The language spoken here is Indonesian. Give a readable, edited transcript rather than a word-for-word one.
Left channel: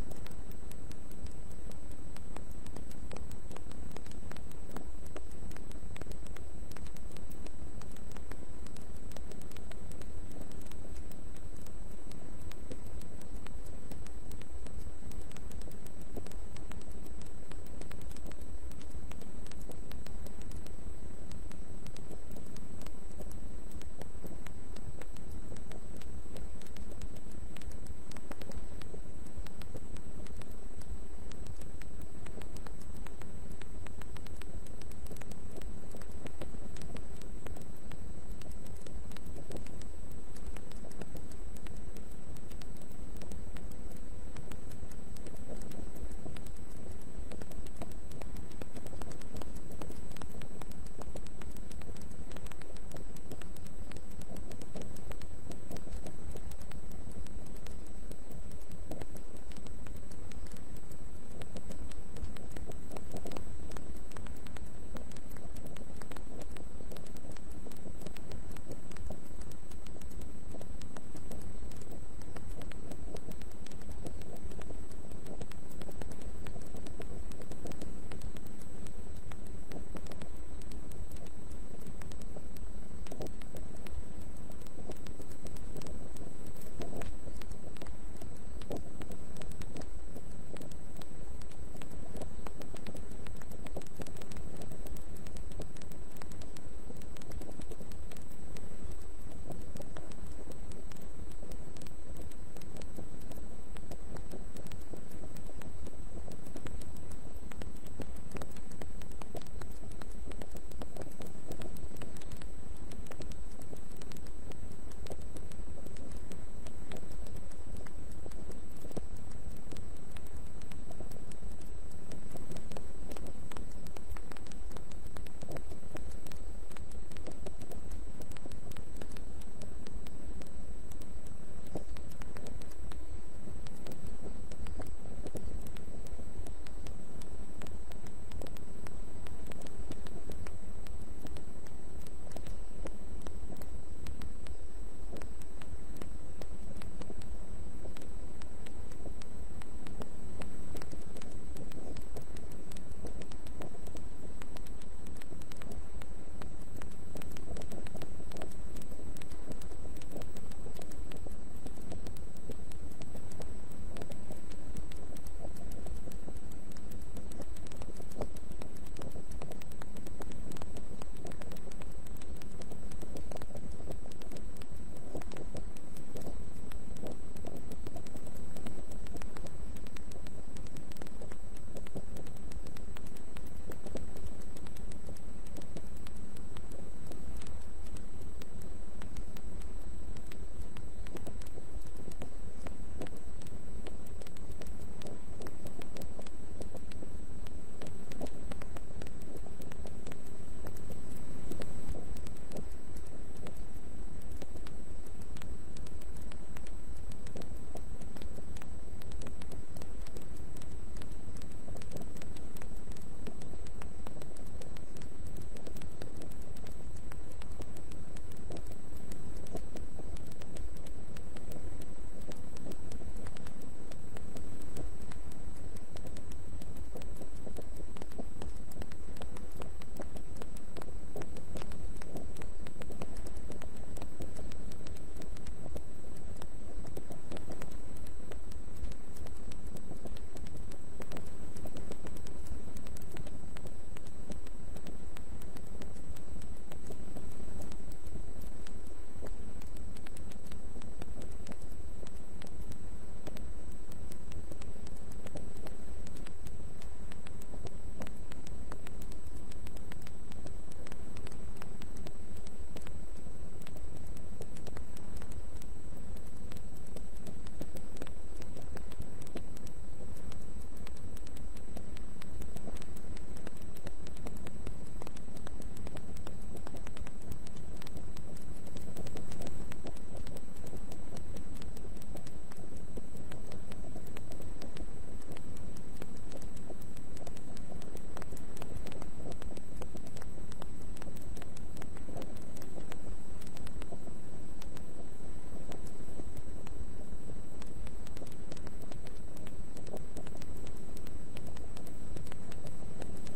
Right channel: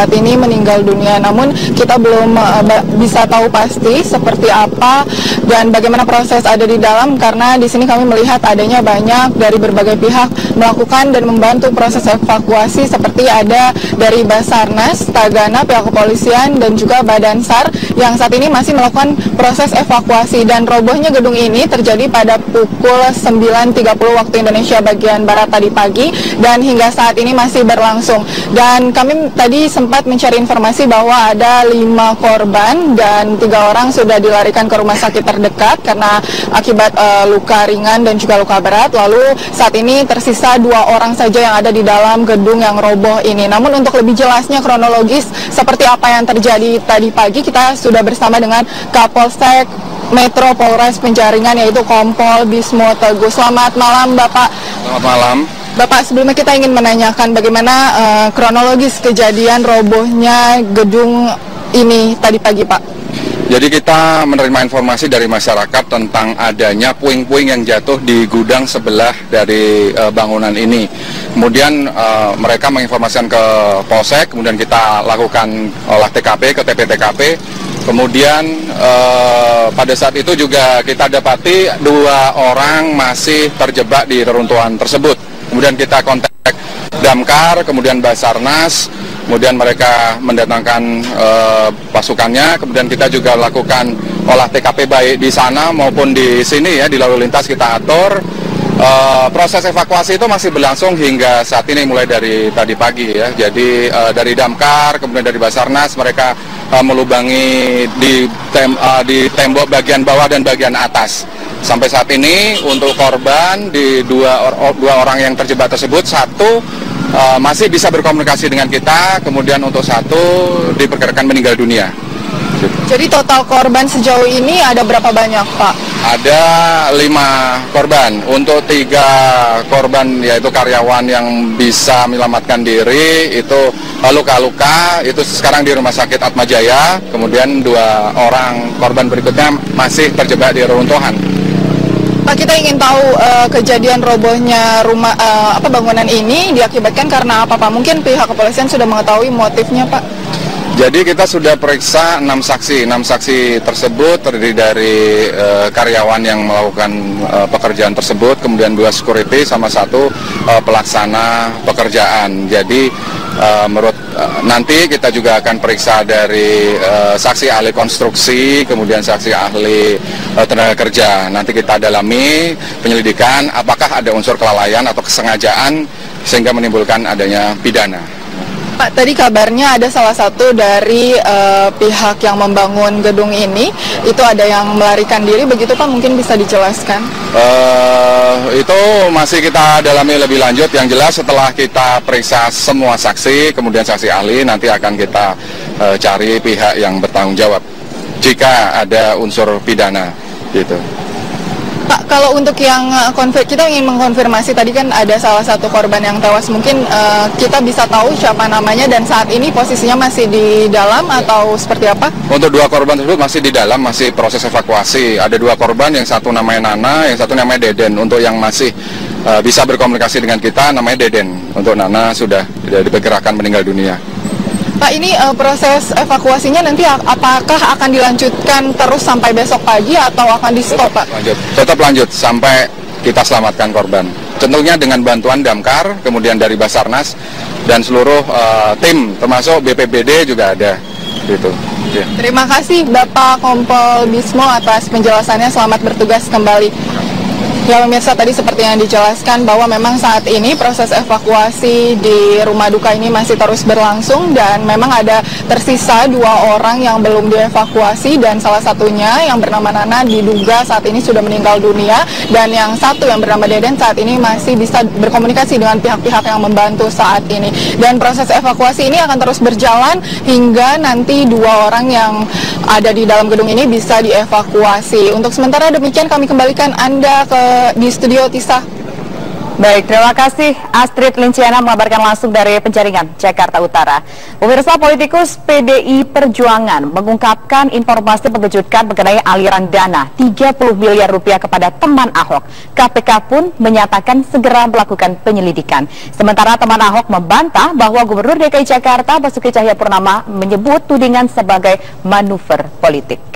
saat ini meninggal dunia. Namun kita belum bisa tahu pasti seperti apa dan bagaimana proses ada di dalam, karena di sini kami melihat adanya banyak dari berbagai pihak melakukan dan membantu proses evakuasi, seperti ada dari Basarnas, Tagana, pihak kepolisian dan juga Badan SAR yang saat ini masih melakukan proses evakuasi. Dan robohnya gedung ini terjadi pada pukul 9.30 waktu Indonesia bagian Barat tadi pagi dan hingga saat ini masih berlangsung. Dan kami tadi sempat mencari informasi bahwa ada 5 korban dan 3 orang sudah dilarikan ke rumah sakit terdekat karena akibat luka ringan dan juga luka berat. Lalu saat ini tersisa 2 orang saja yang ada di dalam gedung yang roboh ini. Namun untuk lebih jelasnya kronologis seperti apa yang terjadi tadi pagi, kita sudah bersama dengan Kapolsek Metro Polres Penjaringan, yaitu Kompol Bismo Teguh. Selamat malam Bapak. Selamat malam. Bapak, sebelumnya kita ingin menanyakan bagaimana kronologis kejadian robohnya gedung ini tadi pagi, Pak. Jadi kita menerima informasi dari masyarakat tentang adanya puing-puing yang jatuh di gudang sebelah dari bangunan ini. Kemudian mereka menginformasikan ke Polsek, kemudian kita lakukan olah TKP ke TP-TKP. Kemudian pada saat itu juga kita dapati 2 orang masih terjebak di reruntuhan tersebut. Kemudian kita kontak Damkar, kemudian Basarnas, kemudian mereka mendatangkan pasukannya. Kemudian kita juga lakukan olah TKP baik di sana maupun di sini ya, di lalu lintas kita atur. Proses evakuasi itu masih berlangsung hingga saat ini mulai dari tadi pagi ya. Jadi dari Damkar, kemudian dari Basarnas mereka melubangi di tembok bagian bawah dan bagian atas. Sampai saat ini untuk korban di dua orang yang terjebak tersebut, 1 masih bisa berkomunikasi dengan kita, kemudian untuk 1 diperkirakan meninggal dunia. Jadi total korban sejauh ini ada berapa banyak, Pak? Ada 5 korban. Untuk 3 korban yaitu karyawan yang bisa menyelamatkan diri itu luka-luka, itu sekarang di Rumah Sakit Atmajaya. Kemudian 2 orang korban berikutnya masih terjebak di reruntuhan. Pak, kita ingin tahu kejadian robohnya rumah bangunan ini diakibatkan karena apa, Pak? Mungkin pihak kepolisian sudah mengetahui motifnya, Pak? Jadi kita sudah periksa 6 saksi. 6 saksi tersebut terdiri dari karyawan yang melakukan pekerjaan tersebut, kemudian 2 security sama 1 pelaksana pekerjaan. Jadi menurut nanti kita juga akan periksa dari saksi ahli konstruksi, kemudian saksi ahli tenaga kerja. Nanti kita dalami penyelidikan apakah ada unsur kelalaian atau kesengajaan sehingga menimbulkan adanya pidana. Pak, tadi kabarnya ada salah satu dari pihak yang membangun gedung ini, itu ada yang melarikan diri, begitu Pak? Mungkin bisa dijelaskan? Itu masih kita dalami lebih lanjut. Yang jelas setelah kita periksa semua saksi, kemudian saksi ahli, nanti akan kita cari pihak yang bertanggung jawab jika ada unsur pidana, gitu. Pak, kalau untuk yang kita ingin mengkonfirmasi, tadi kan ada salah satu korban yang tewas, mungkin kita bisa tahu siapa namanya dan saat ini posisinya masih di dalam atau seperti apa? Untuk 2 korban tersebut masih di dalam, masih proses evakuasi. Ada 2 korban, yang 1 namanya Nana, yang 1 namanya Deden. Untuk yang masih bisa berkomunikasi dengan kita namanya Deden. Untuk Nana sudah diperkirakan meninggal dunia. Pak, ini proses evakuasinya nanti apakah akan dilanjutkan terus sampai besok pagi atau akan di-stop, Pak? Tetap lanjut sampai kita selamatkan korban. Tentunya dengan bantuan Damkar, kemudian dari Basarnas dan seluruh tim, termasuk BPBD juga ada. Gitu. Ya. Terima kasih Bapak Kompol Bismo atas penjelasannya. Selamat bertugas kembali. Ya pemirsa, tadi seperti yang dijelaskan bahwa memang saat ini proses evakuasi di rumah duka ini masih terus berlangsung dan memang ada tersisa 2 orang yang belum dievakuasi dan salah satunya yang bernama Nana diduga saat ini sudah meninggal dunia dan yang 1 yang bernama Deden saat ini masih bisa berkomunikasi dengan pihak-pihak yang membantu saat ini. Dan proses evakuasi ini akan terus berjalan hingga nanti 2 orang yang ada di dalam gedung ini bisa dievakuasi. Untuk sementara demikian kami kembalikan Anda di studio Tisa. Baik, terima kasih Astrid Linciana mengabarkan langsung dari Penjaringan, Jakarta Utara. Pemirsa, politikus PDI Perjuangan mengungkapkan informasi mengejutkan mengenai aliran dana 30 miliar rupiah kepada teman Ahok. KPK pun menyatakan segera melakukan penyelidikan. Sementara teman Ahok membantah bahwa Gubernur DKI Jakarta Basuki Cahayapurnama menyebut tudingan sebagai manuver politik.